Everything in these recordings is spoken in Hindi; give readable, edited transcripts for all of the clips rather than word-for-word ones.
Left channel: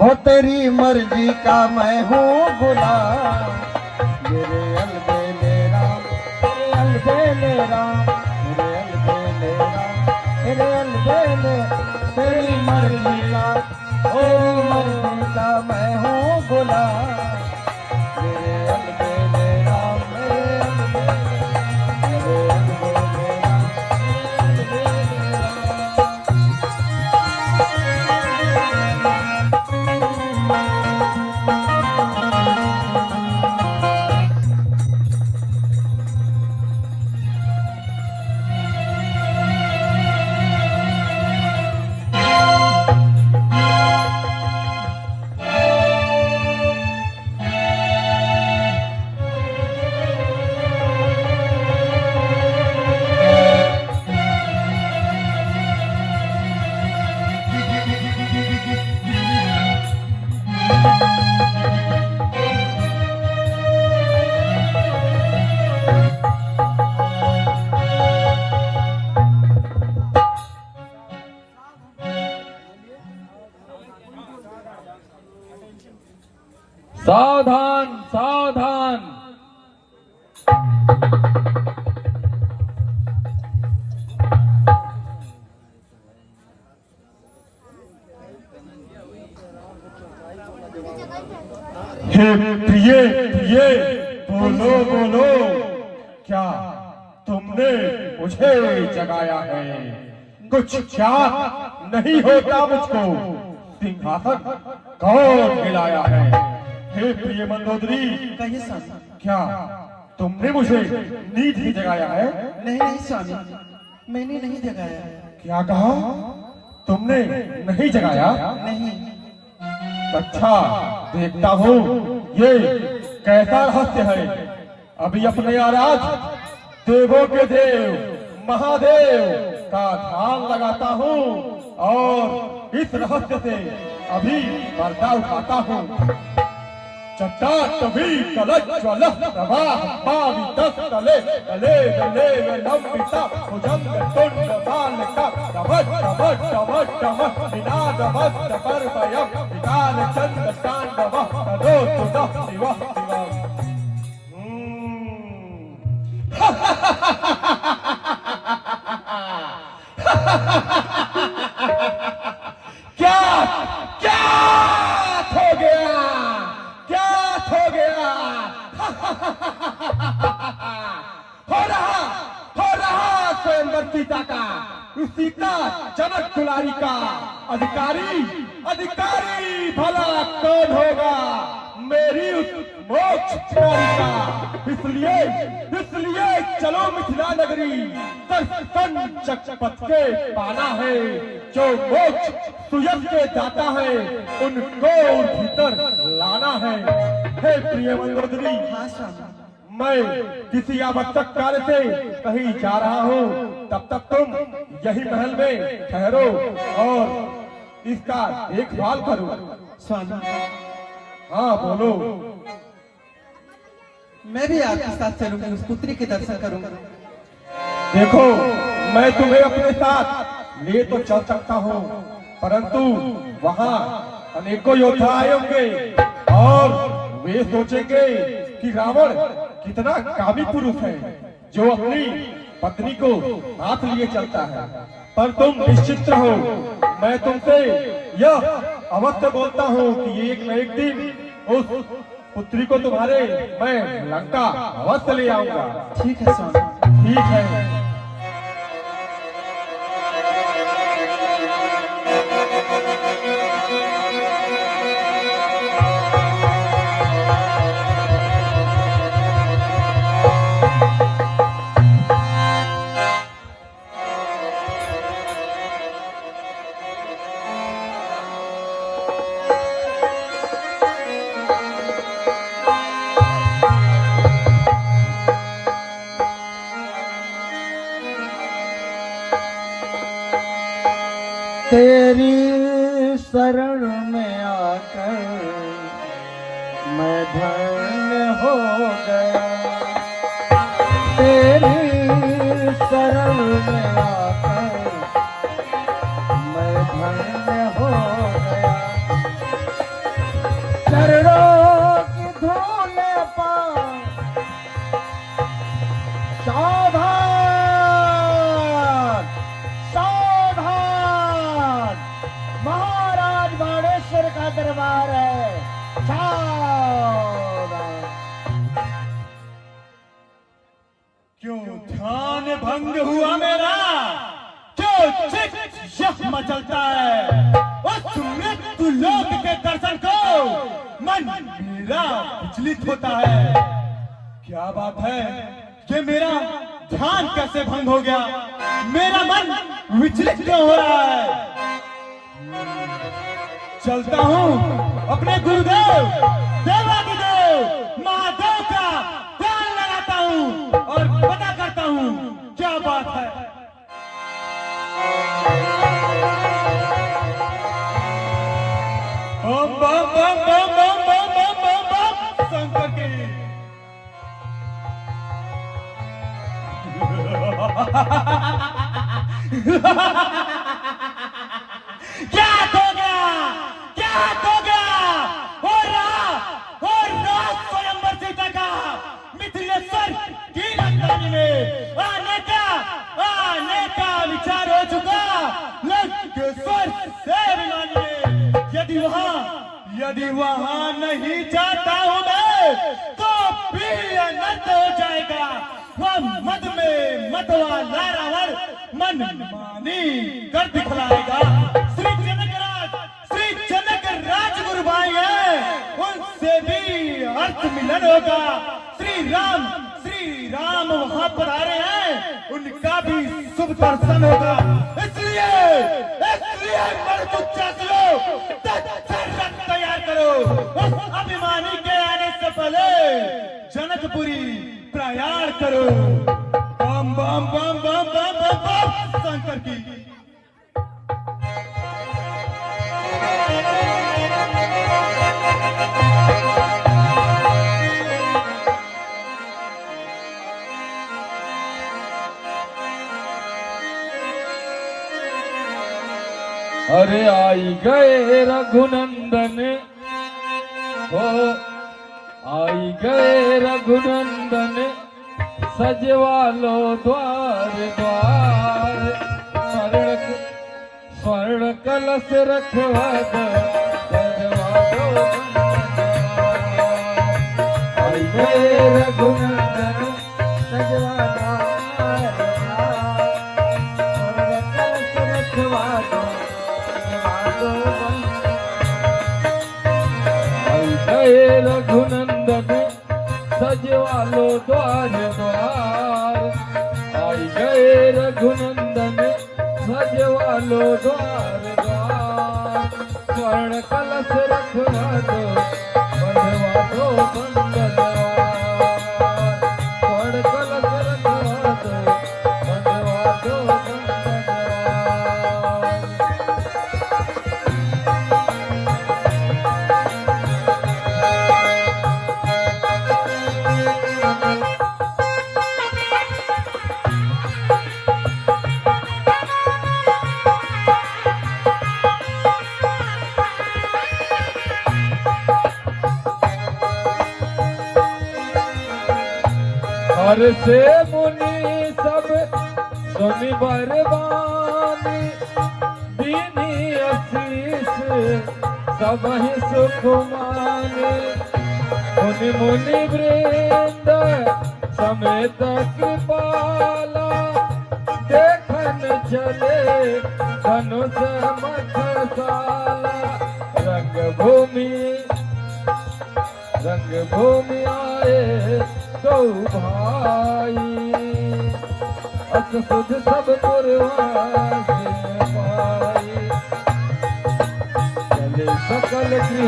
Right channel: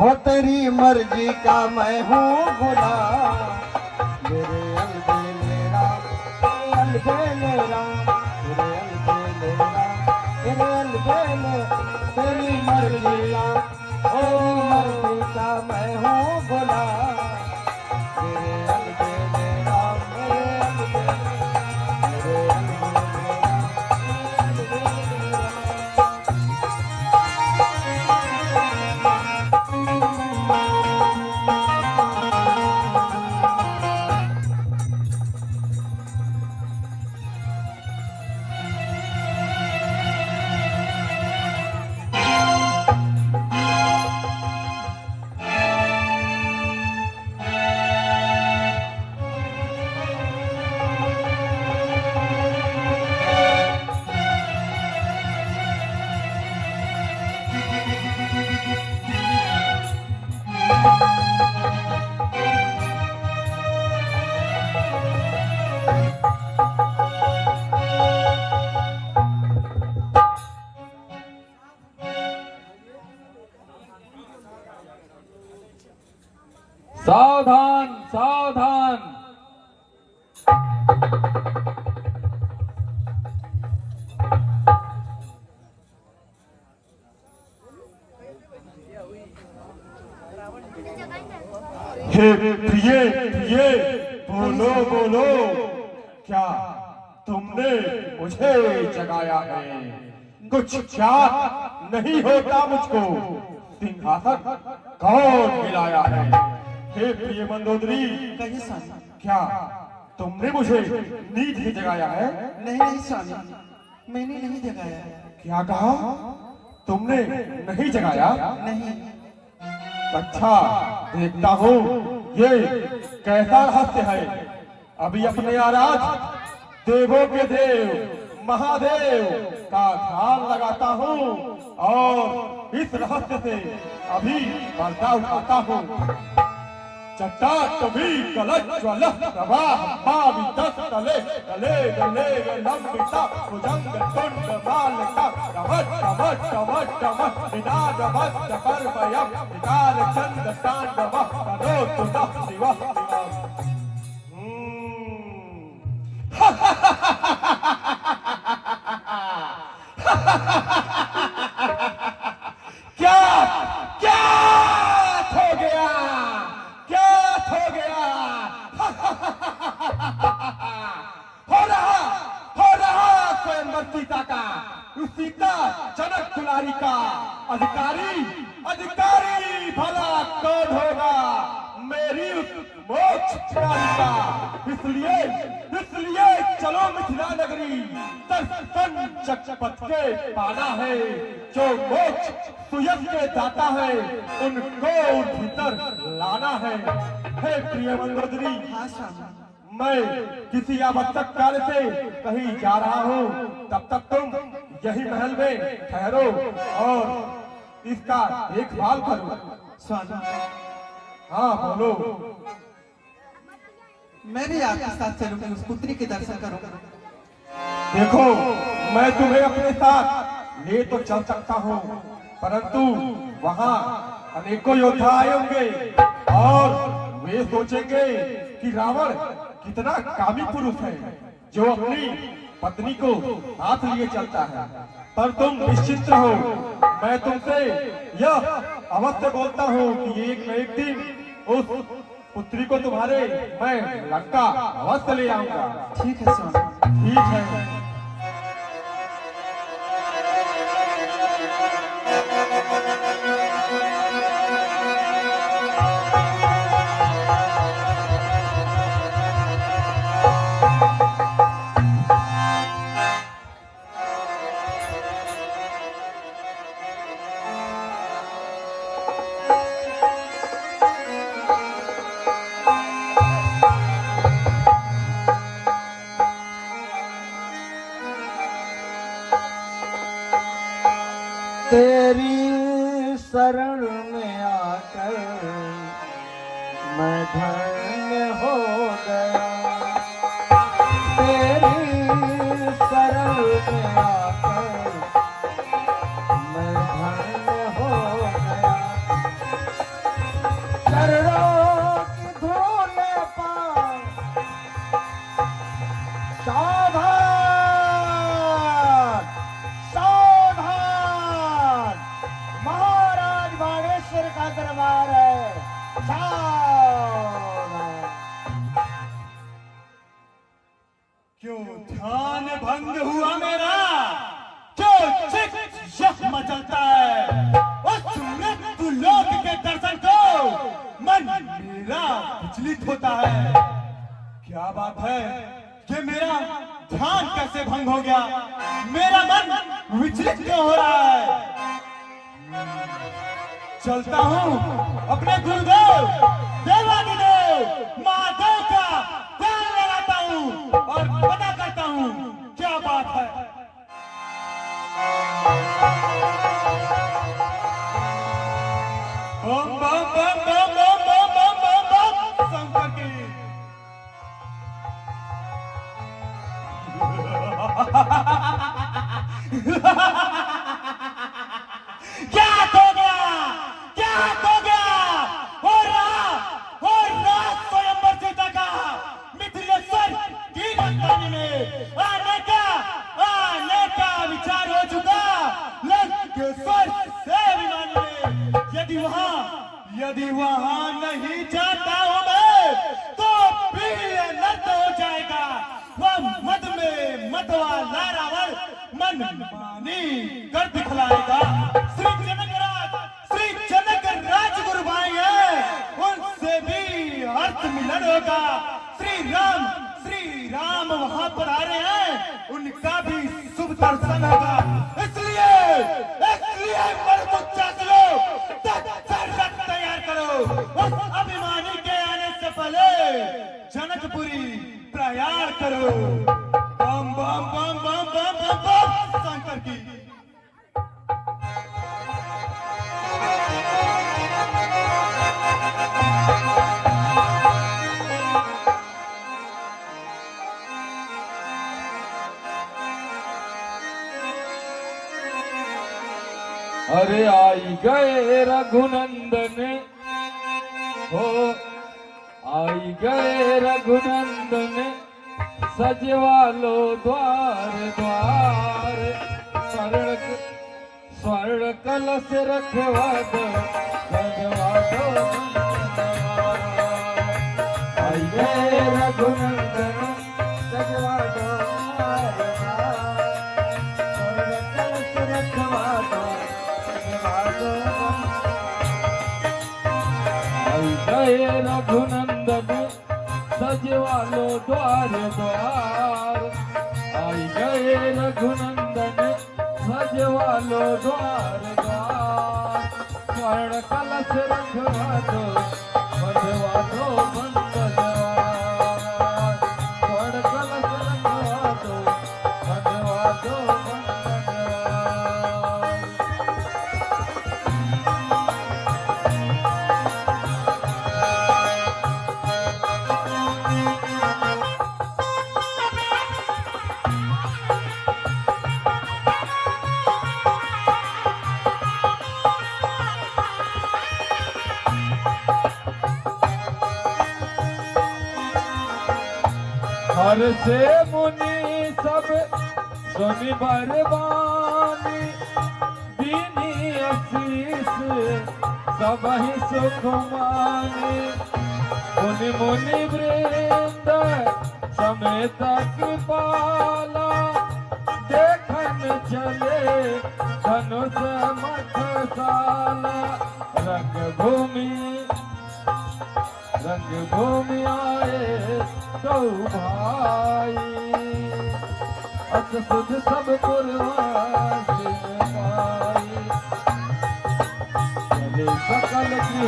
हो तेरी मर्जी का मैं हूँ गुलाम, मेरे अलबेलेरा, मेरे अलबेलेरा, मेरे अलबेलेरा, मेरे अलबेलेरा, तेरी मर्जी का, ओ मर्जी का मैं हूँ गुलाम, मेरे अलबेलेरा, मेरे अलबेलेरा, मेरे अलबेलेरा, मेरे अलबेलेरा। सावधान सावधान। हे प्रिय प्रिय, बोलो बोलो, क्या तुमने मुझे जगाया है? कुछ याद नहीं होता मुझको? सिंहासन कौन मिलाया है? हे प्रिय मंदोदरी, कहिए स्वामी। क्या तुमने मुझे नींद से जगाया है? नहीं नहीं स्वामी, मैंने नहीं जगाया। क्या कहा तुमने? नहीं जगाया? नहीं। अच्छा, देखता हूँ ये कैसा रहस्य है। अभी अपने आराध्य देवों के देव महादेव का ध्यान लगाता हूँ और इस रहस्य से अभी पर्दा उठाता हूँ। चट्टाटवी कलज्ज्वल प्रवाह पावितस्थले तले तले नमिता भुजंग तुंड बालका कमट कमट कमट कमट निनादमस्त कर्मयम् विकार चंद तांडवः करोतु नः शिवः शिवः। क्या क्या हो गया? क्या हो गया? हो रहा स्वयंवर सीता का, उस सीता जनक दुलारी का अधिकारी। अधिकारी भला कौन होगा? मेरी उस मोक्ष कुमारी का। इसलिए चलो मिथिला नगरी, दर्शन जगपथ के पाना है। जो मोक्ष सुयश के दाता है, उनको भीतर लाना है। हे प्रिय मंदोदरी, हाँ स्वामी। मैं किसी आवश्यक कार्य से कहीं जा रहा हूँ, तब तक तुम यही महल में ठहरो और इसका देखभाल करो। स्वामी हाँ बोलो। मैं भी आपके साथ चलूंगी, उस पुत्री के दर्शन करूंगा। देखो, मैं तुम्हें अपने साथ ले तो चल सकता हूँ, परंतु वहाँ अनेकों योद्धा आए होंगे और वे सोचेंगे कि रावण कितना कामी पुरुष है जो अपनी पत्नी को हाथ लिए चलता है। पर तुम निश्चिंत रहो, मैं तुमसे यह अवश्य बोलता हूँ कि एक न एक दिन उस पुत्री को तुम्हारे मैं लंका अवश्य ले आऊंगा। ठीक है स्वामी। ठीक है। तेरी शरण में आकर मैं धन्य हो गया। तेरी शरण में आकर मैं धन्य हो गया। क्यों ध्यान भंग हुआ मेरा? क्यों चित यह मचलता है? उस मृत्यु लोक के दर्शन को मन मेरा विचलित होता है। क्या बात है कि मेरा ध्यान कैसे भंग हो गया? मेरा मन विचलित क्यों हो रहा है? चलता हूँ अपने गुरुदेव देवादिदेव महादेव का ध्यान लगाता हूँ और पता करता हूँ क्या बात है। बम बम बम बम बम बम बम बम बम शंकर की। क्या हो गया? क्या हो गया? और रहा स्वयंवर सीता का मिथिलेश्वर की राजधानी में आने का विचार हो चुका। लंकेश्वर से मिलाने में यदि वहां नहीं जाता हूं मैं तो भी अनर्थ हो जाएगा। वह मद में मतवाला रावण मन मानी कर दिखलाएगा। श्री जनक राजगुरु भाई है, उनसे भी अर्थ मिलन होगा। श्री राम वहां पर आ रहे हैं, उनका भी शुभ दर्शन होगा। इसलिए रथ तैयार करो। उस अभिमानी के आने से पहले जनकपुरी प्रयाण करो। बम बम बम बम बम बम बम शंकर की। अरे आई गए रघुनंदन हो, आई गए रघुनंदन, सजवालो द्वार द्वार। स्वर्ण कलश रखवा दो, सजवालो आई गए रघुनंदन, सजवालो रघुनंदन, सजवालो द्वार द्वार। आई गए रघुनंदन, सजवालो द्वार द्वार। स्वर्ण कलश रखवा दो, सजवालो बंदनवार। स्वर्ण कलश रखवा दो, सजवालो बंदनवार। हर से मुनि सब सुनि बरबादी, दीनी आशीष सबहि सुख माने। मुनि वृंद समेत कृपाला, देखन चले धनुष मखसाला। रंगभूमि आए दो भाई, अस सुध सब गुरवासे पाई। चले सकल की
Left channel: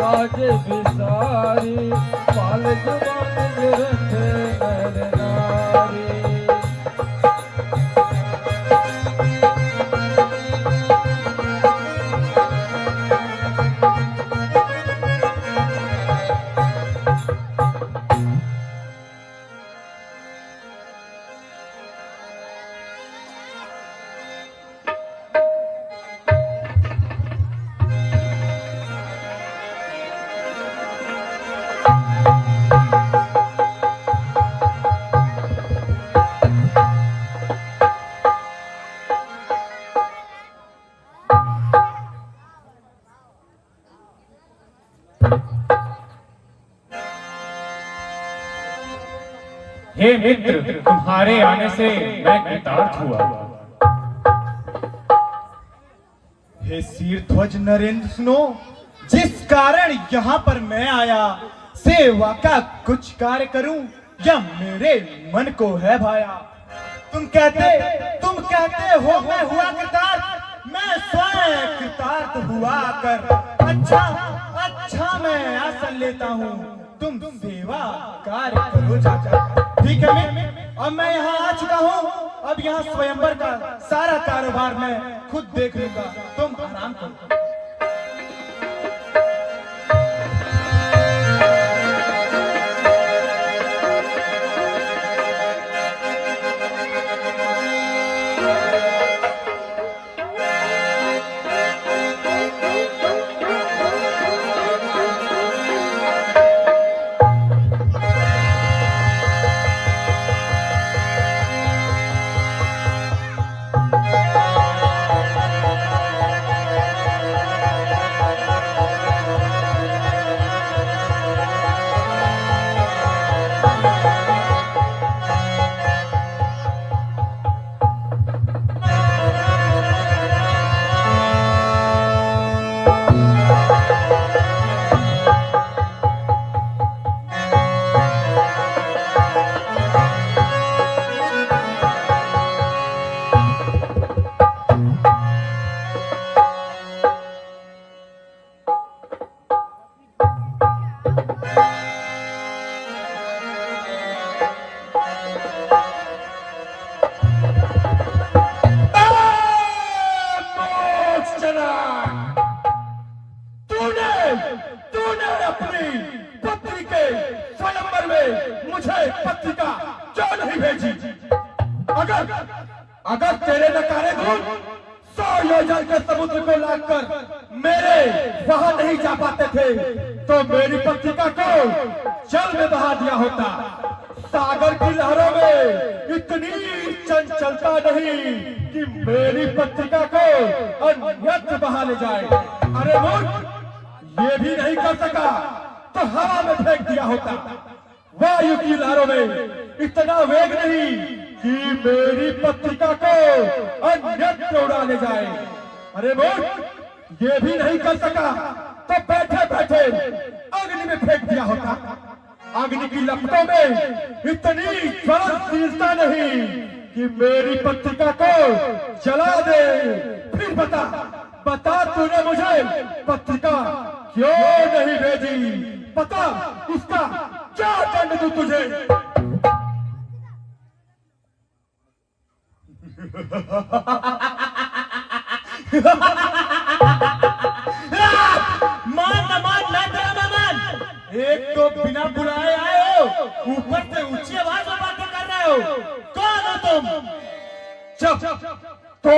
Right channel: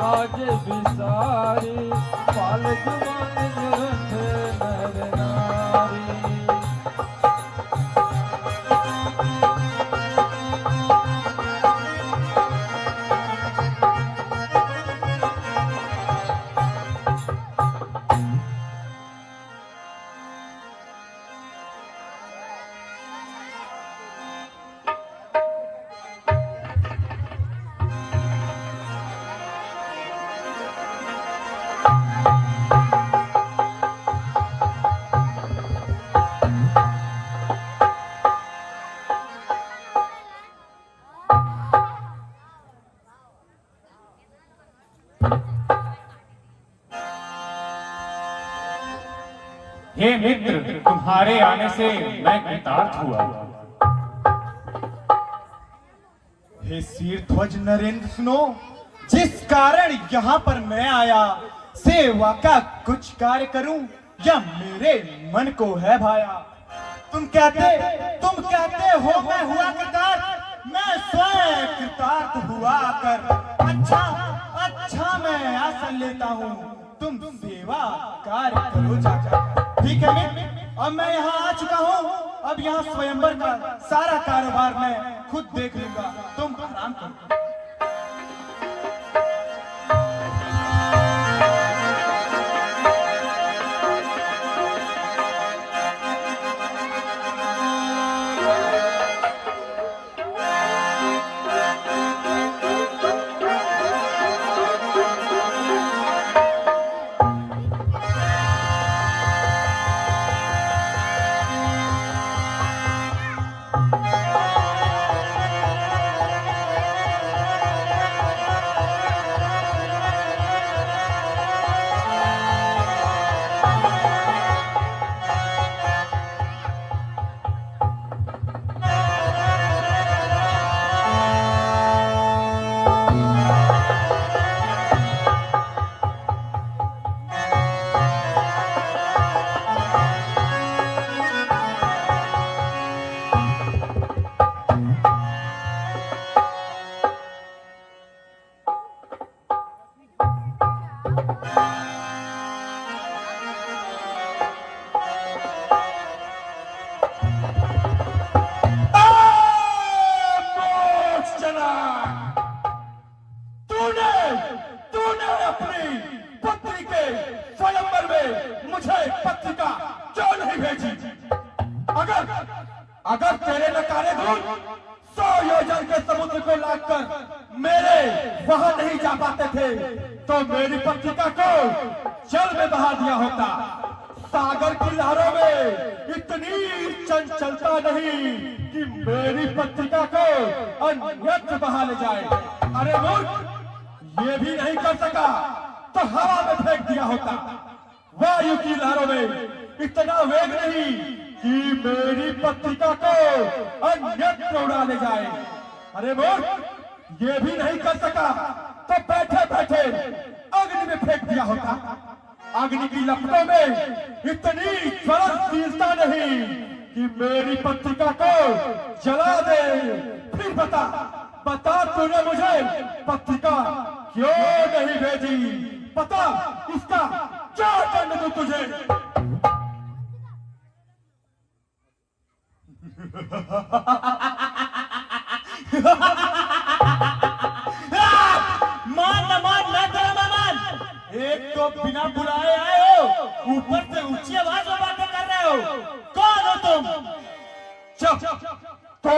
काज विसारी, पाल जवान रंग नर नारी। हे मित्र, तुम्हारे आने से मैं कृतार्थ हुआ। हे शीरध्वज नरेंद्र, सुनो, जिस कारण यहाँ पर मैं आया, सेवा का कुछ कार्य करूं या मेरे मन को है भाया। तुम कहते हो मैं हुआ कृतार्थ, मैं स्वयं कृतार्थ हुआ कर अच्छा मैं आसन लेता हूँ, तुम सेवा कार्य करो जाकर। ठीक है, अब मैं यहाँ आ चुका हूँ, अब यहाँ स्वयंवर का सारा कारोबार मैं खुद देख लूंगा, तुम आराम करो। अगर तेरे नकारे धूल 100 योजन के समुद्र को लाकर मेरे वहां नहीं जा पाते थे, तो मेरी पत्रिका को जल में बहा दिया होता। सागर की लहरों में इतनी चंचलता नहीं कि मेरी पत्रिका को अन्यत्र बहा ले जाए। अरे मूर्ख, ये भी नहीं कर सका तो हवा में फेंक दिया होता। वायु की लहरों में इतना वेग नहीं कि मेरी पत्रिका को अन्यत्र उड़ा ले जाए। अरे मूर्ख, ये भी नहीं कर सका तो बैठे बैठे अग्नि में फेंक दिया होता। अग्नि की लपटों में इतनी ज्वलनशीलता नहीं कि मेरी पत्रिका को जला दे। फिर बता तूने मुझे पत्रिका क्यों नहीं भेजी? पता इसका क्या दंड दूं तुझे? मान एक तो बिना बुलाए आए हो, ऊपर से ऊंची आवाज में बातें कर रहे हो। कौन हो तुम? जब तो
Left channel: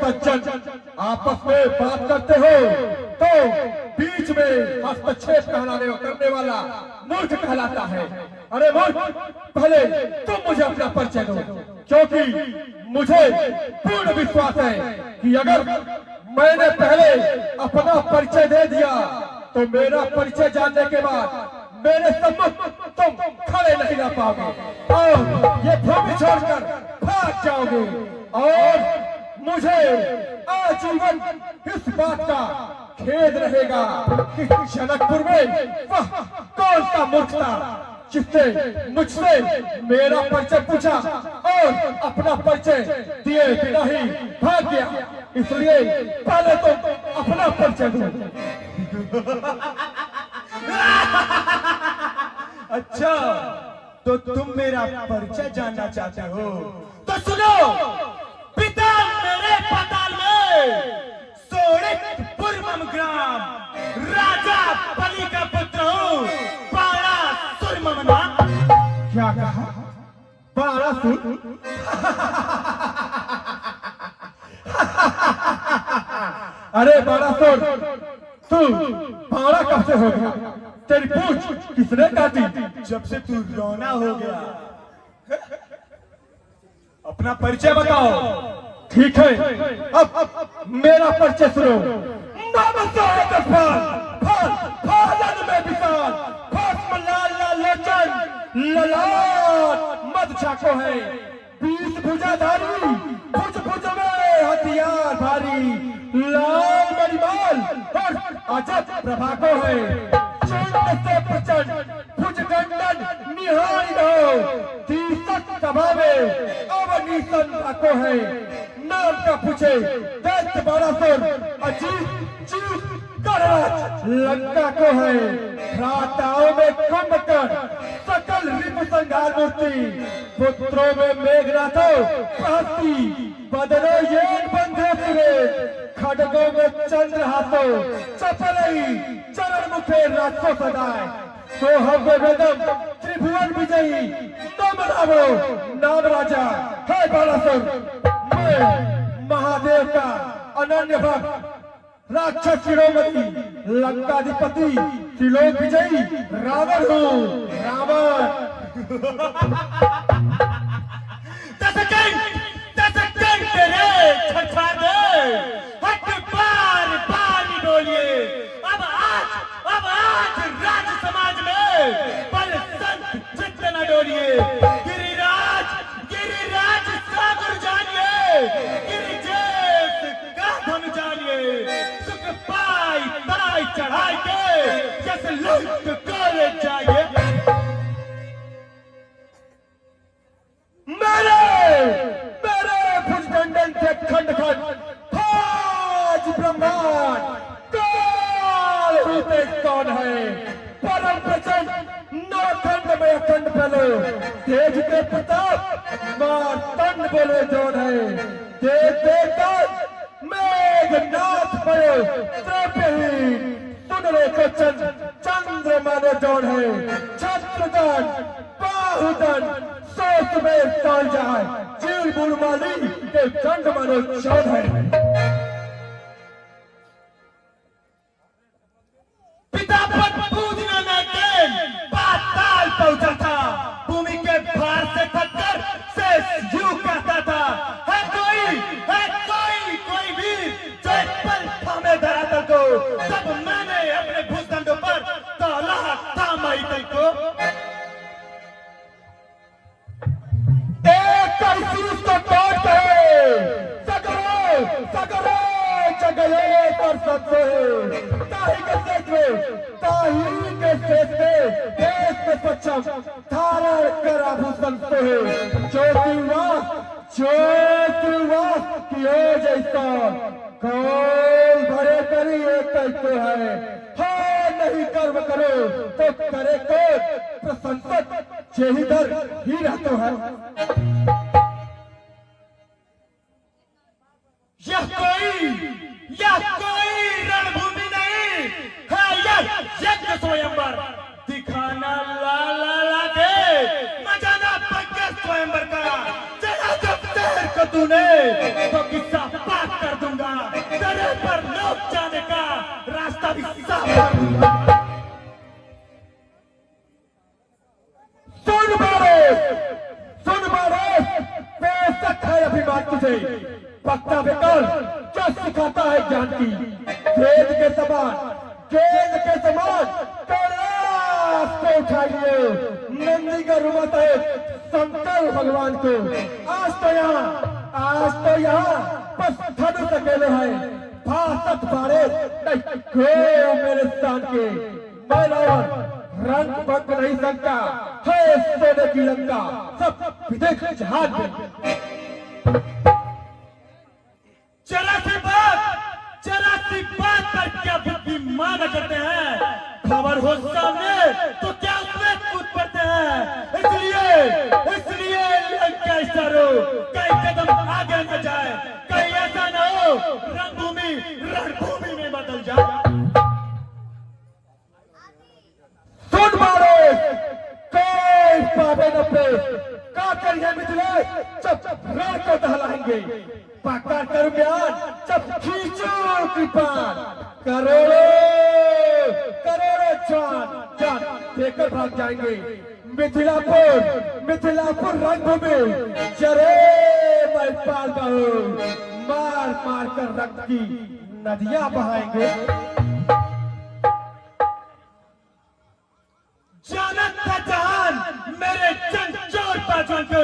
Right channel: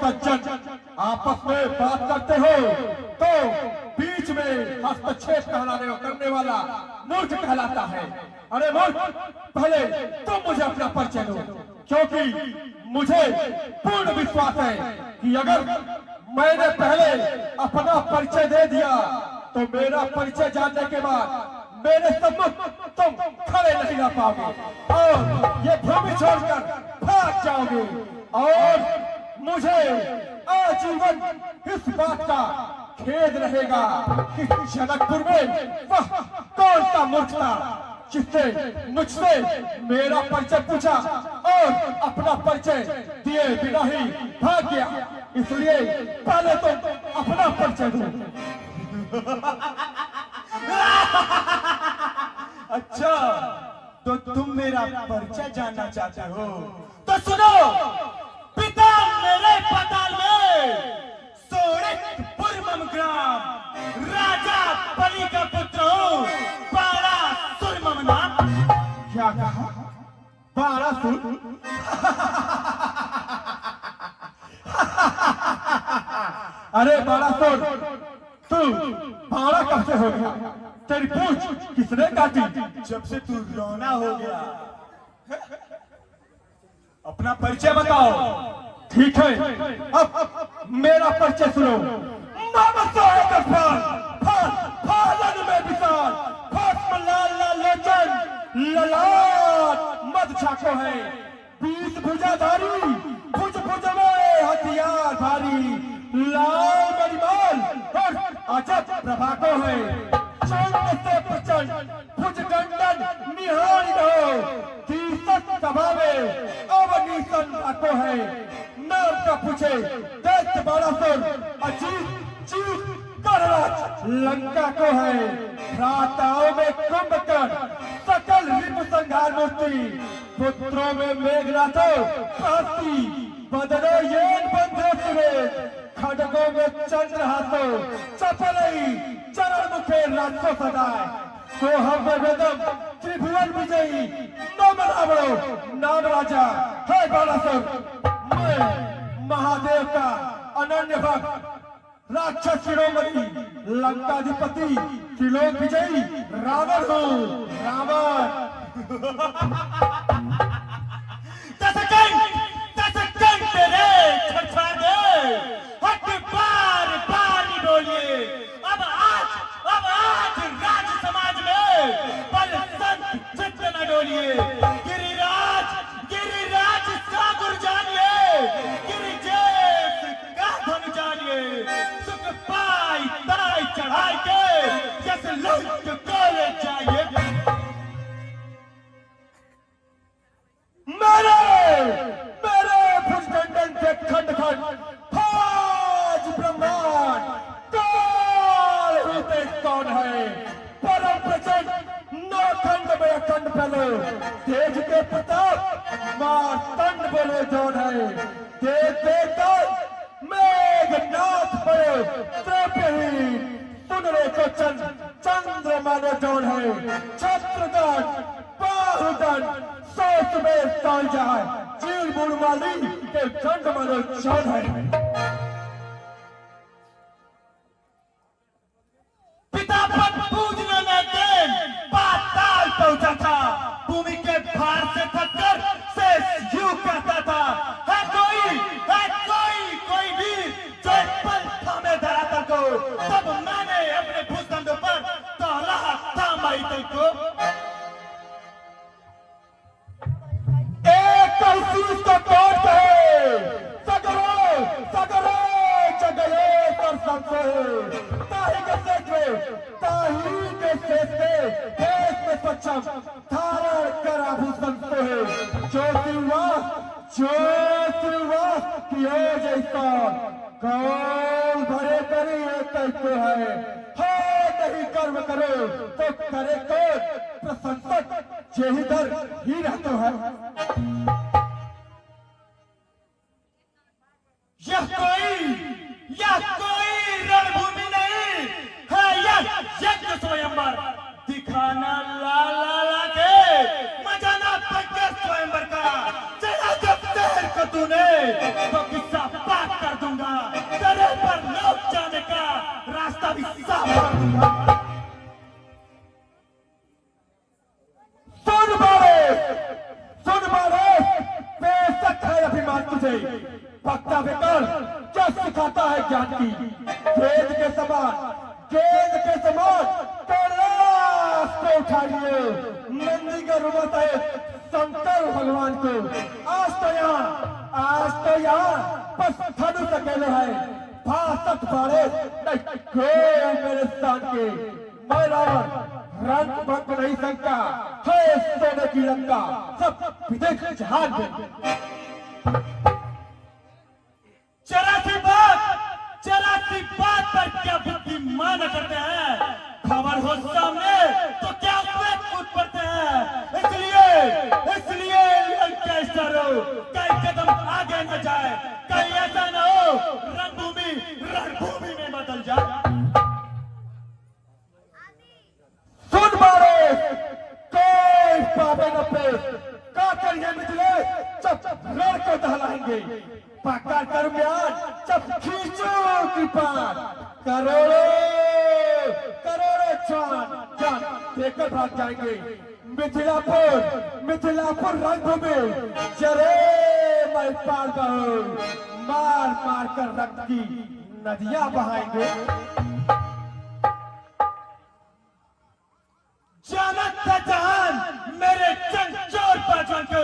सज्जन आपस में बात करते हो तो बीच में हस्तक्षेप करने वाला मूर्ख कहलाता है। अरे मूर्ख, पहले तुम मुझे अपना परिचय दो, क्योंकि मुझे पूर्ण विश्वास है कि अगर मैंने पहले अपना परिचय दे दिया तो मेरा परिचय जानने के बाद मेरे सम्मुख तुम खड़े नहीं रह पाओगे और ये भूमि छोड़कर भाग जाओगे। और मुझे आजीवन इस बात का खेद रहेगा कि जनकपुर में वह कौन सा मूर्ख था जिसने मुझसे मेरा परिचय पूछा और अपना परिचय दिए बिना ही भाग गया। इसलिए पहले तो अपना परिचय दो। अच्छा, तो तुम मेरा परिचय जानना चाहते हो? तो सुनो, पिता मेरे पाताल में सोड़ितपुर ग्राम राजा बलि का पुत्र हूँ, बारासुर मम नाम। क्या कहा? बारासुर? अरे बारासुर, तू बारा कब से हो गया? तेरी पूंछ किसने काटी? जब से तू रोना हो गया। अपना परिचय बताओ। ठीक है, अब मेरा परिचय सुनो। फालन में विशाल, भस्म लाल लाल लोचन, ललाट बादशाह को है 20 भुजाधारी, भुज भुज में हथियार भारी, लाल मणिमाल और अजब प्रभा को है चंड से प्रचंड भुजगंडन निहारी हो, 30 सभा में अवनी संता को है नाम का पूछे दैत्य बारासुर, अजीत जीत कराच लंका को है, भ्राताओं में कुंभकर्ण सकल रिपु संहार मूर्ति, पुत्रों में मेघनाथो कांति, बदनो येन बंधु सुरेश, खड्गों में चंद्रहासो चपलई, चरण मुखे राजो सदाए, सोहम में वेदम त्रिभुवन विजयी, नाम रामो नाम राजा है बारासुर। मैं महादेव का अनन्य भक्त राक्षस शिरोमणि लंकाधिपति त्रिलोक विजयी रावण हूँ, रावण। तेरे छछाने हट बार बार बोलिए, अब आज राज समाज में बल संत चित्त न डोलिए, गिरिराज सागर जानिए, गिरिजेश का धन जानिए, सुख पाई पाई चढ़ाई के जैसे लुट कर जाइए। मेरे भुजगंडन के खंड खंड फाज ब्रह्मांड, काल रूपे कौन है परम प्रचंड, नौखंड में अखंड बलो, तेज के प्रताप मार्तंड बोले जोन है, देव देवकर मेघनाथ बड़े त्रिपेहीन, सुनने को चंद्रमा ने जोन है, छत्रदंड बाहुदंड सोच में तोड़ जाए, चीर बुलवाली के खंड मनो चौध है। पिता पद पूजना में देव पाताल पहुंचा था, भूमि के भार से थककर शेष यूं कहता था, है कोई भी जो एक पल थामे धरातल को, तब मैंने अपने भूखंड पर तौला था माई कई को। चीज को कौन कहे, सगरो चगले पर सबसे, ताही के शेष में देश में पश्चिम धारण कर आभूषण को है, ज्योतिर्वास कियो जैसा, कौन भरे करी एक तो है, नहीं कर्म करो तो करे कौन, प्रसन्नत जेहिधर ही रहते हैं। यह कोई रणभूमि नहीं है, यह यज्ञ स्वयंवर, दिखाना ला के मजाना पंकज स्वयंवर का, चला जब शहर को तूने तो किस्सा बात कर दूंगा, तेरे पर लोग जाने का रास्ता भी साफ कर दूंगा। सुन बारे बेशक है अभिमान तुझे, पक्का बेकार क्या सिखाता है ज्ञान की, खेत के समान कैलाश को उठाइए, नंदी का रुमत है शंकर भगवान को, आज तो यहाँ बस धनुष अकेले है, भाषत बारे नहीं मेरे स्थान के, मैं रावण रंग भंग नहीं सकता है, सोने की लंका सब विदेश जहाज में। चरासी बात पर क्या बुद्धिमान करते हैं, खबर हो सामने तो क्या उसमें कूद पड़ते हैं, इसलिए लंका इशारो कई कदम आगे न जाए, कहीं ऐसा ना हो रणभूमि में बदल जाए। सुन मारे कोई पावे न पे का करिए मिले, जब रण को दहलाएंगे, पकड़ कर बयान जब खींचो कृपान, करोड़ों जान देकर भाग जाएंगे, मिथिलापुर रणभूमि जरे मैं पाल मार कर रक्त की नदियां बहाएंगे। जानत था जहान मेरे चंचोर बाजुओं को,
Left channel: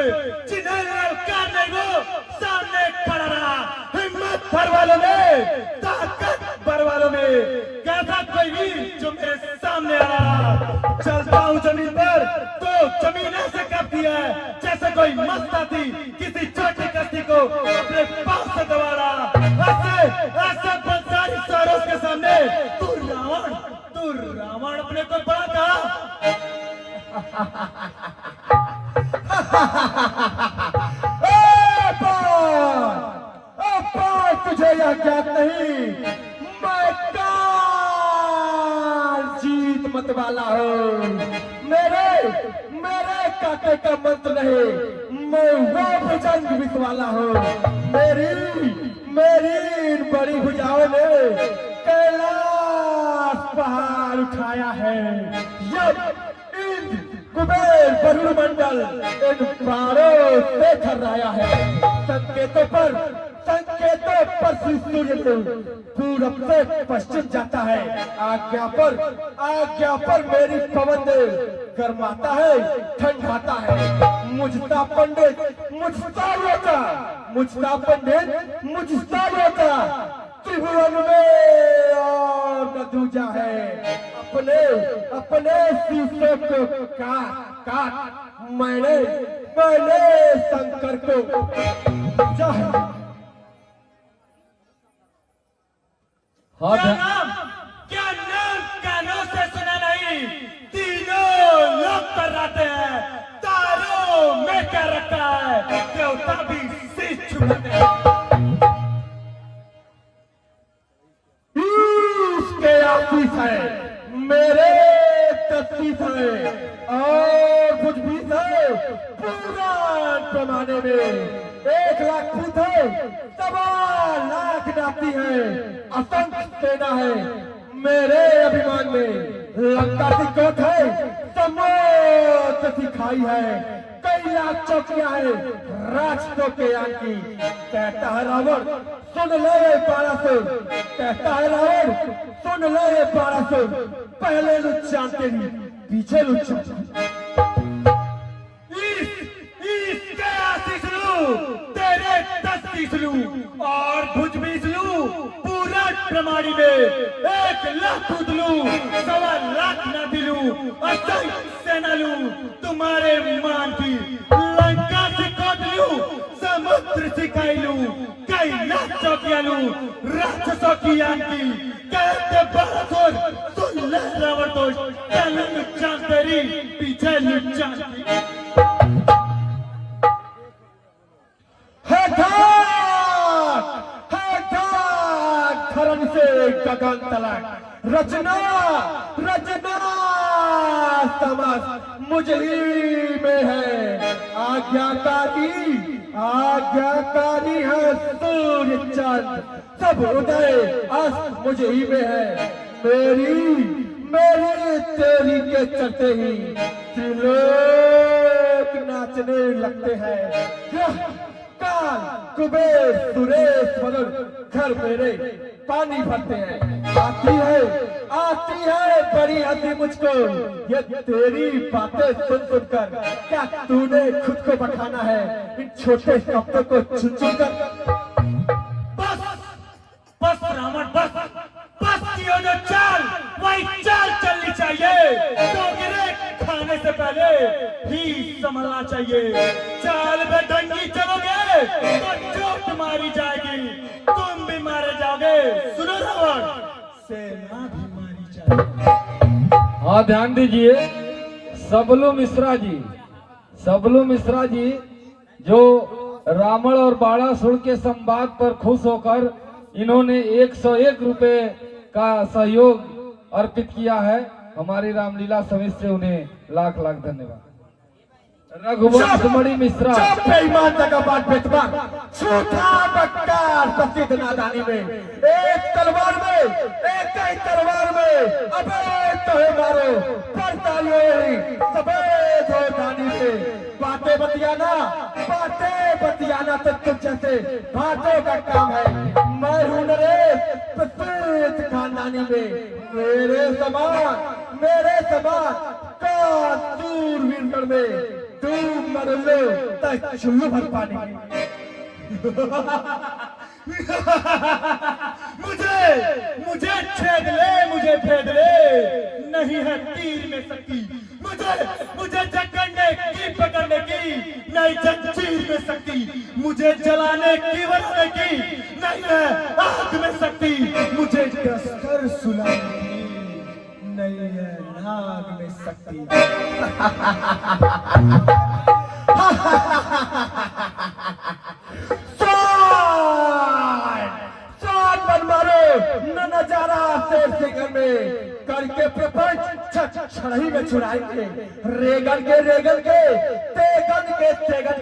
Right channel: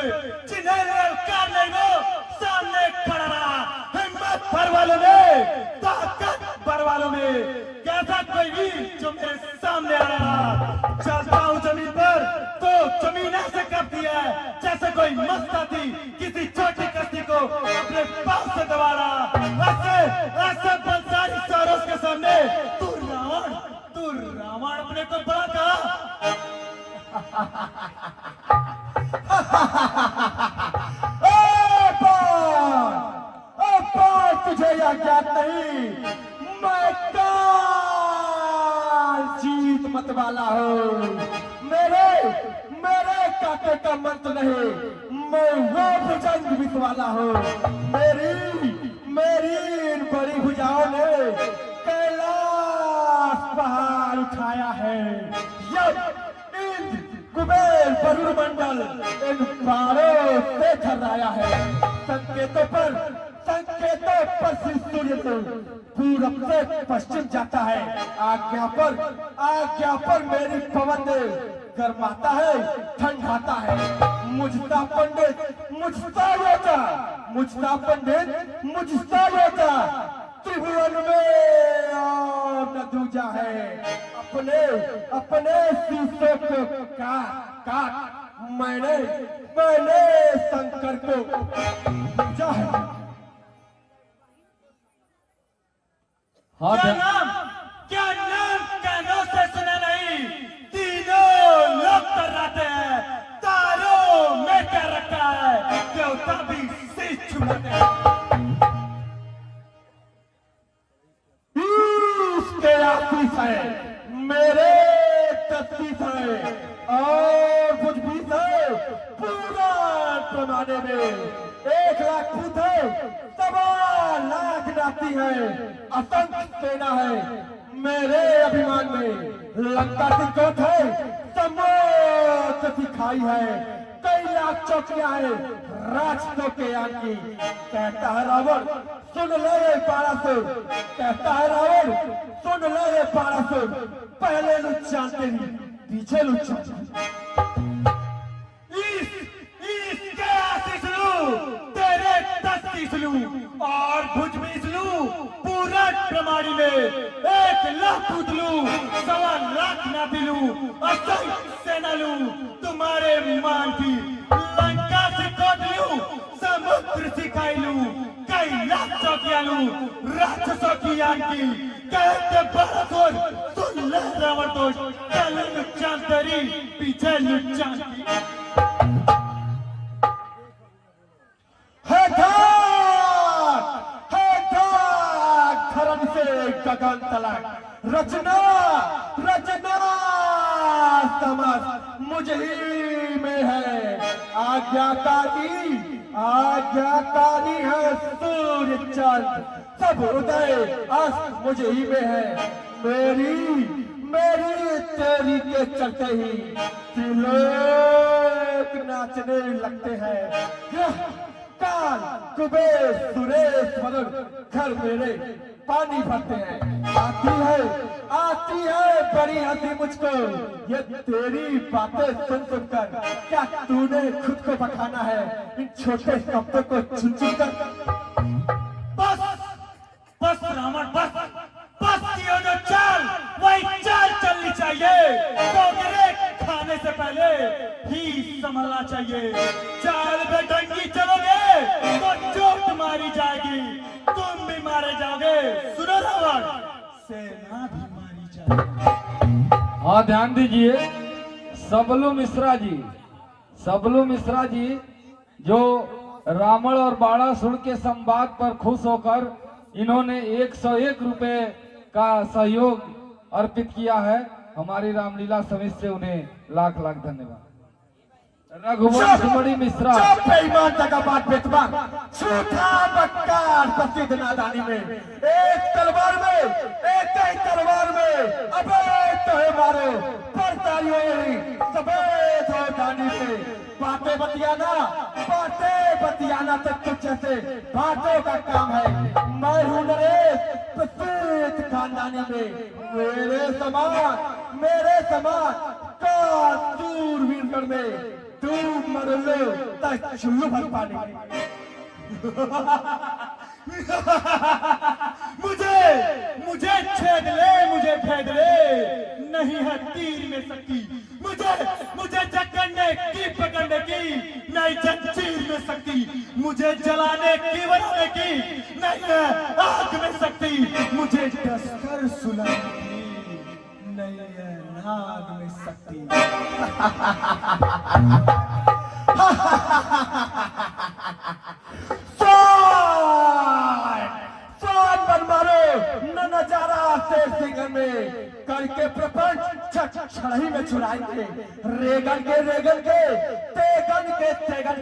मैं वो भुजंग वाला हूँ। मेरी इन बड़ी भुजाओं ने कैलाश पहाड़ उठाया है। जब इन कुबेर वरुण मंडल इन पहाड़ों से थर्राया है। संकेतों पर सूर्य पूरब से पश्चिम जाता है। आज्ञा पर मेरी पवन गरमाता है, ठंडाता है। मुझता पंडित मुझता रोता त्रिभुवन में और न दूजा है। अपने शीशे को काट मैंने शंकर को चाहा। हाँ क्या नाम कानों से सुना नहीं? तीनों लोग कराते हैं, तारों में कर रखा है, देवता भी शीश झुकाते हैं। इसके आशीष है, मेरे तस्वीर है और कुछ भी है। पुराण जमाने में 1 लाख भूत है, 1.25 लाख नाती है, असंख्य सेना है। मेरे अभिमान में लंका दिक्कत है, समोत दिखाई है। कई लाख चौकियां है राजकों के आगे। कहता है रावण सुन ले 1200, कहता है रावण सुन ले 1200। पहले लुच्चा तेरी पीछे लुच्चा। इसके आशीष लूं, तेरे 10 शीश लूं और भुज बीस लूं। पूरा प्रमाणी में 1 लाख भूत लूं, 1.25 लाख नाती लूं, असंख्य सेना लूं। तुम्हारे मान की लंका से कोट लूं, समुद्र सिखाई लूं, कई लाख चौकियां लूं, राक्षसों की आन की। कहते 1200 सुन ले रावण दोष, पहले लुच्चा तेरी पीछे लुच्चा। गगन तलक रचना समझ मुझ ही में है। आज्ञाकारी है सूर्य चंद्र, सब उदय अस्त मुझ ही में है। मेरी तेरी के चलते ही त्रिलोक नाचने लगते हैं। काल कुबेर सुरेश वरुण घर मेरे पानी भरते हैं। आती है बड़ी हंसी मुझको ये तेरी बातें सुनकर। क्या तूने खुद को बखाना है इन छोटे शब्दों को चुन कर? बस रावण बस कियो ने चाल, वही चाल चलनी चाहिए। डोंगरे खाने से पहले ही संभलना चाहिए। चाल में डंगी चलोगे तो चोट मारी जाएगी, तुम भी मारे जाओगे। सुनो रावण, सेना भी मारी जाएगी। हाँ ध्यान दीजिए। सबलू मिश्रा जी जो रावण और बाणासुर के संवाद पर खुश होकर इन्होंने 101 रुपए का सहयोग अर्पित किया है। हमारी रामलीला समिति से उन्हें लाख लाख धन्यवाद। रघुवंश मणि मिश्रा बेईमानता का बात बेतबा, झूठा बक्कार प्रसिद्ध नादानी में एक तलवार में अबे तुम्हें मारो परतालियों सफेद हो जानी से। बातें बतियाना तो तुम जैसे बातों का काम है। मैं हूं नरेश प्रसिद्ध खानदानी में। मेरे समान का सूरवीर में तुम मरले तक चुल्लू भर पानी। मुझे छेद ले, मुझे भेद ले, नहीं है तीर में शक्ति। मुझे जकड़ने की पकड़ने की नहीं जंजीर में शक्ति। मुझे जलाने की बनाने की नहीं है आग में शक्ति। मुझे कसकर सुलाने की नहीं है नाग में शक्ति। घर में करके प्रपंच छड़ही में छुड़ाएंगे। रेगन के तेगन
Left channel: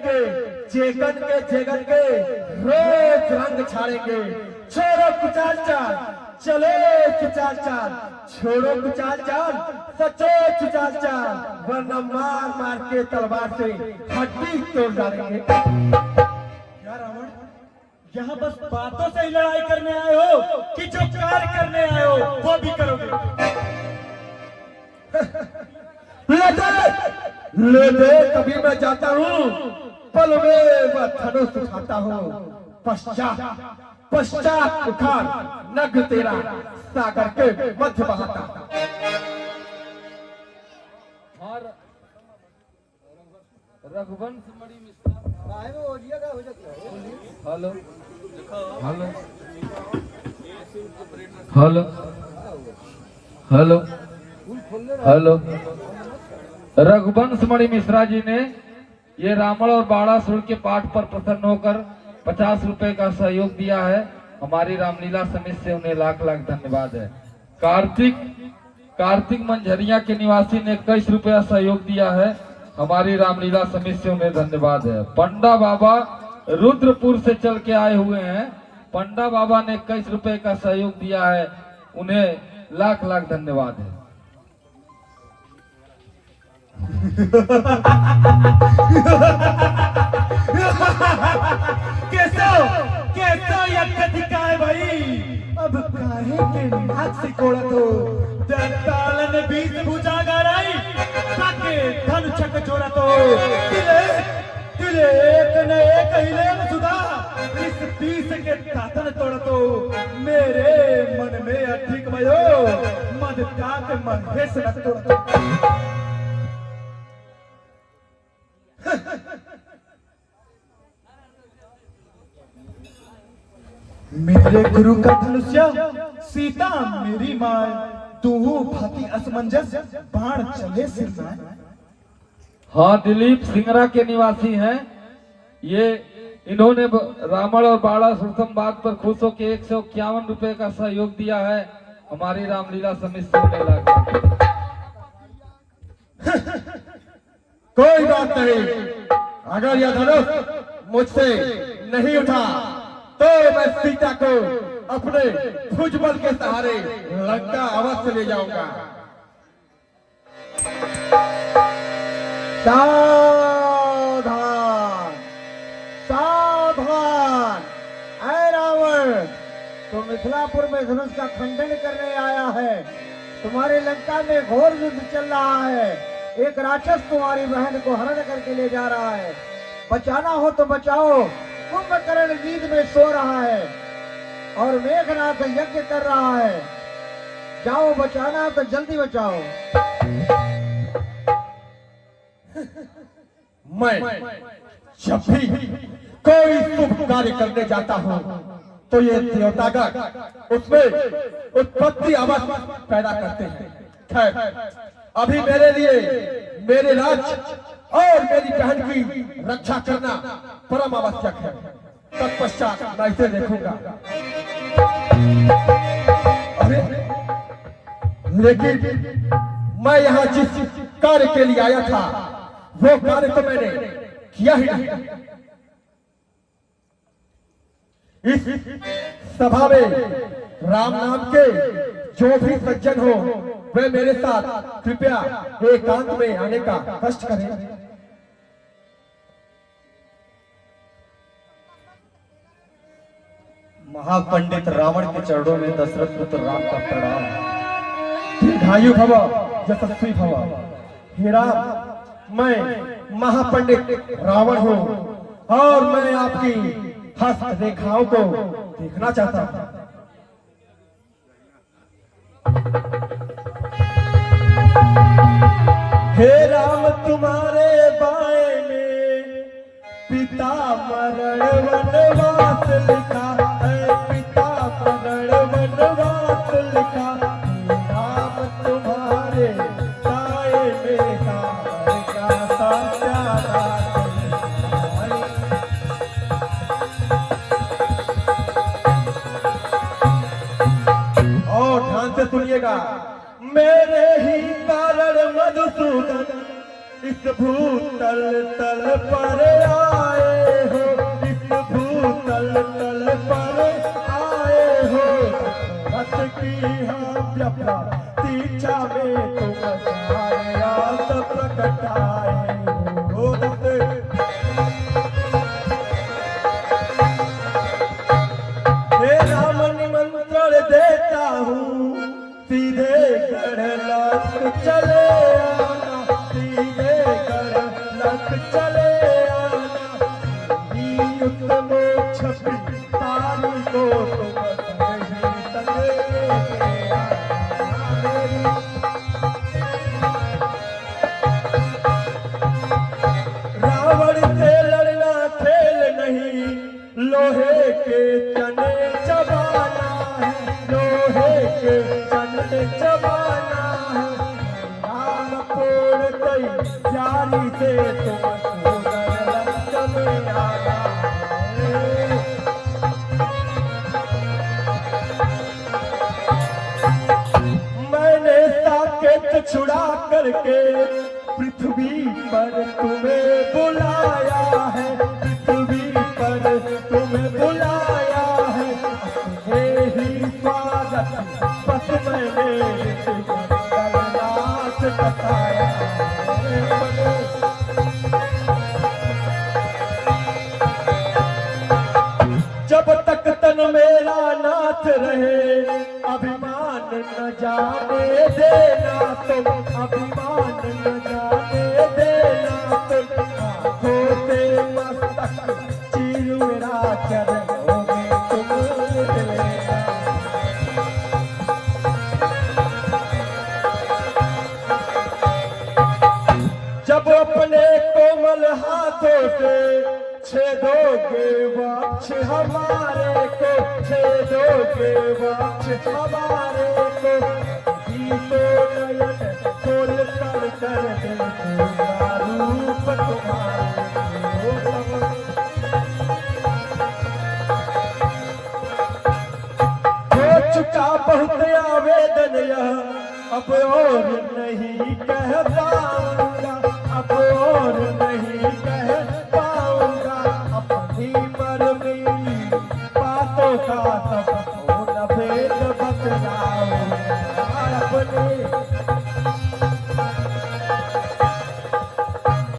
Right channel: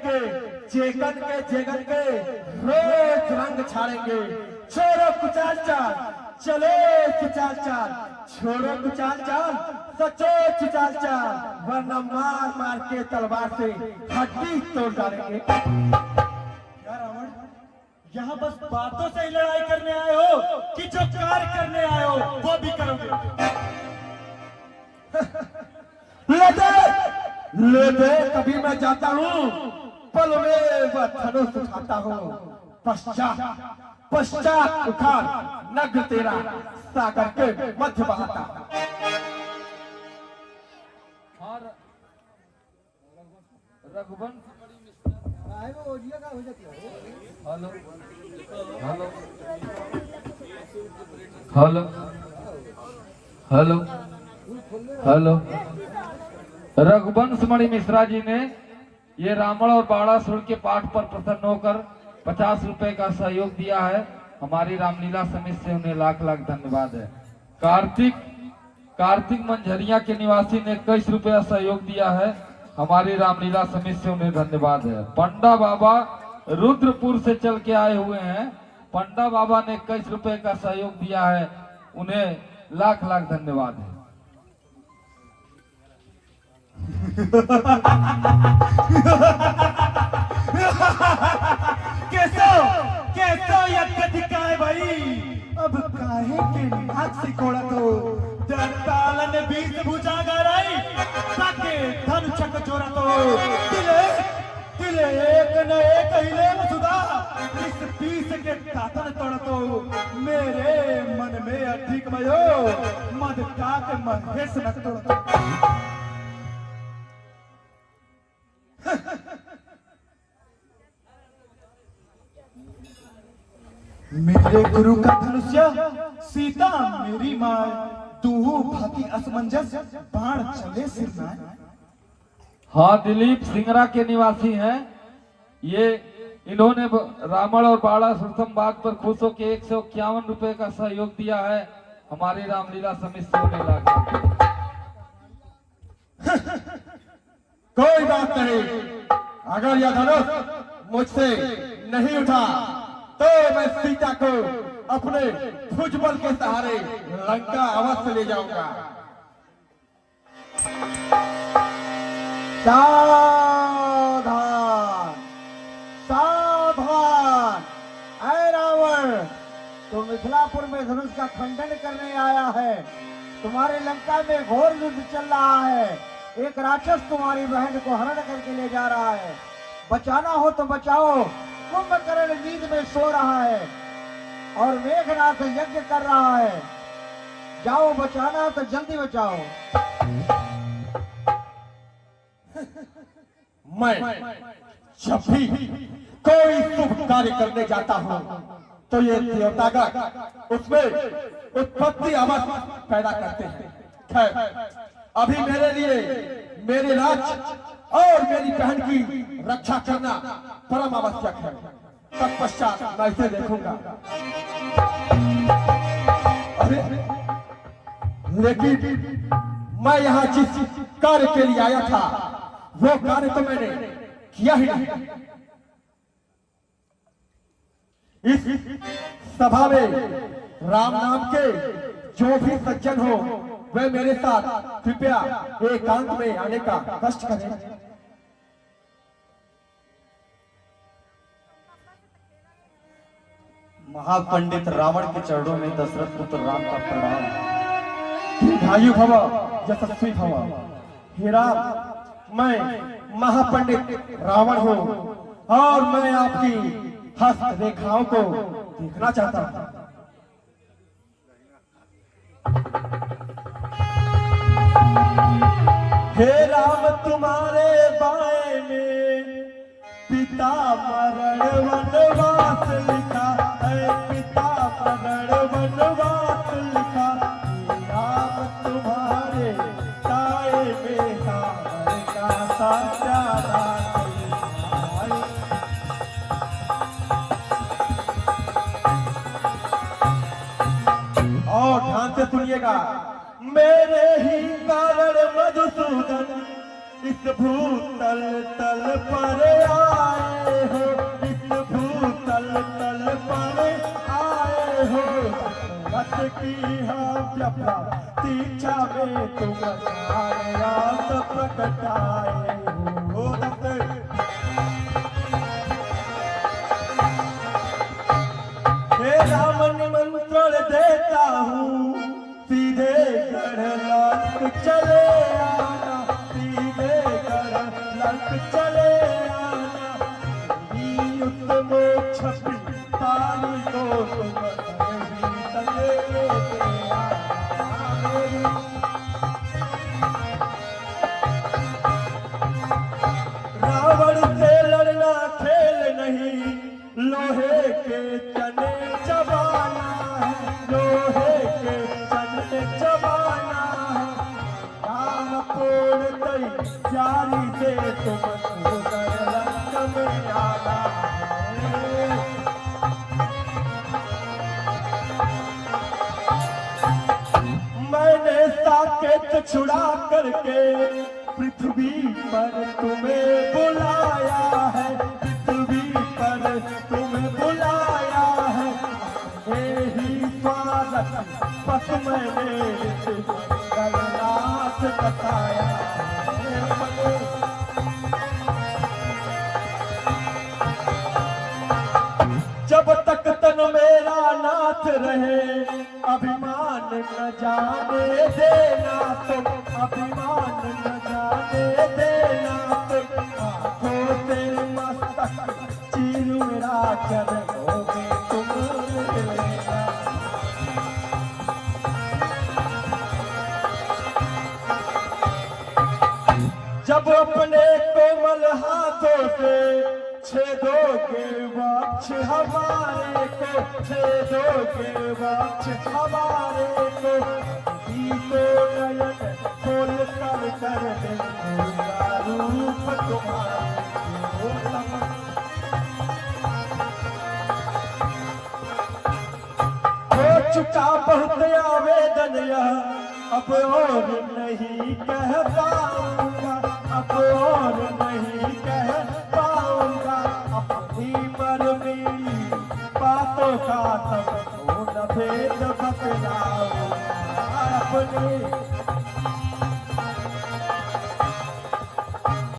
जेगन के रोज रंग छाड़ेंगे। छोड़ो कुचाल चाल, चलो खिंचाल चाल, छोड़ो कुचाल चाल, सचो खिंचाल चाल, वरना मार मार के तलवार से हड्डी तोड़ डालेंगे। क्या रावण, यहाँ बस बातों से ही लड़ाई करने आए हो कि जो कार्य करने आए हो वो भी करोगे? ले दे कभी मैं जाता हूँ, पल में वह धनुष उठाता हूँ, पश्चात उखाड़ नग तेरा सागर के मध्य बहाता। Raghuvansh Mani Mishra. Hello hello hello hello hello. Raghuvansh Mani Mishra ji ने ये रावण और बाणासुर के पाठ पर प्रसन्न होकर 50 रुपए का सहयोग दिया है। हमारी रामलीला समिति से उन्हें लाख लाख धन्यवाद है। कार्तिक मंझरिया के निवासी ने 21 रुपया सहयोग दिया है। हमारी रामलीला समिति से उन्हें धन्यवाद है। पंडा बाबा रुद्रपुर से चल के आए हुए हैं। पंडा बाबा ने 21 रुपए का सहयोग दिया है, उन्हें लाख लाख धन्यवाद है। कैसो यज्ञ दिखाए भाई, अब काहे के नाक से कोड़त हो, दंताल ने 20 भुजा गराई, ताके धन छक जोरत हो, दिले एक न एक हिले न सुधा, इस 20 के तातन तोड़त हो, मेरे मन में अधिक भयो, मद ताक महेश न तोड़त हो। मेरे गुरु का धनुष्य, सीता मेरी माय, दोनों भांति असमंजस, बाण चले सिर माय। हाँ, दिलीप सिंगरा के निवासी हैं। ये इन्होंने रावण और बाणासुर संवाद पर खुश होकर 151 रुपए का सहयोग दिया है। हमारी रामलीला समिति से कोई बात नहीं, अगर यह धनुष मुझसे नहीं उठा तो मैं सीता को अपने भुजबल के सहारे लंका अवश्य ले जाऊंगा। सावधान सावधान, ऐ रावण, तू मिथिलापुर में धनुष का खंडन करने आया है। तुम्हारे लंका में घोर युद्ध चल रहा है। एक राक्षस तुम्हारी बहन को हरण करके ले जा रहा है। बचाना हो तो बचाओ। कुंभकर्ण नींद में सो रहा है और मेघनाथ यज्ञ कर रहा है। जाओ, बचाना तो जल्दी बचाओ। मैं जब भी कोई शुभ कार्य करने जाता हूँ तो ये देवतागण उसमें उत्पत्ति आवाज पैदा करते हैं। खैर, अभी मेरे लिए मेरे राज्य और मेरी बहन की रक्षा करना परम आवश्यक है। तत्पश्चात मैं इसे देखूंगा। अरे, लेकिन मैं यहाँ जिस कार्य के लिए आया था वो कार्य तो मैंने किया ही नहीं। इस सभा में राम नाम के जो भी सज्जन हो वे मेरे साथ कृपया एकांत में आने का कष्ट करें। महापंडित रावण के चरणों में दशरथ पुत्र राम का प्रणाम। दीर्घायु भव, यशस्वी भव। हे राम, मैं महापंडित रावण हूँ और मैं आपकी हस्त रेखाओं को देखना चाहता हूँ। हे राम, तुम्हारे बाएं में पिता मरण वनवास लिखा है, पिता मरण वनवास लिखा। हे राम, तुम्हारे बाएं में हार का साचा और ध्यान से सुनिएगा। मेरे ही कारण मधुसूदन इस भूतल तल पर आ लोहे के चने चबाना है, लोहे के चने चबाना है। हार तोड़ गई जाली से तुम सुगर रंग में आना है। मैंने साकेत छुड़ा करके पृथ्वी पर तुम्हें बुलाया है, पृथ्वी पर तुम्हें बुलाया है। यही स्वागत बस मैंने नाच बताया है। जब तक तन मेरा नाथ रहे अभिमान न जाने देना तुम, अभिमान न जाने देना तुम। होते मस्तक चीर मेरा करोगे तुम लेना। जब अपने कोमल हाथों से छेदोगे वक्ष हमारे को, छेदोगे वक्ष हमारे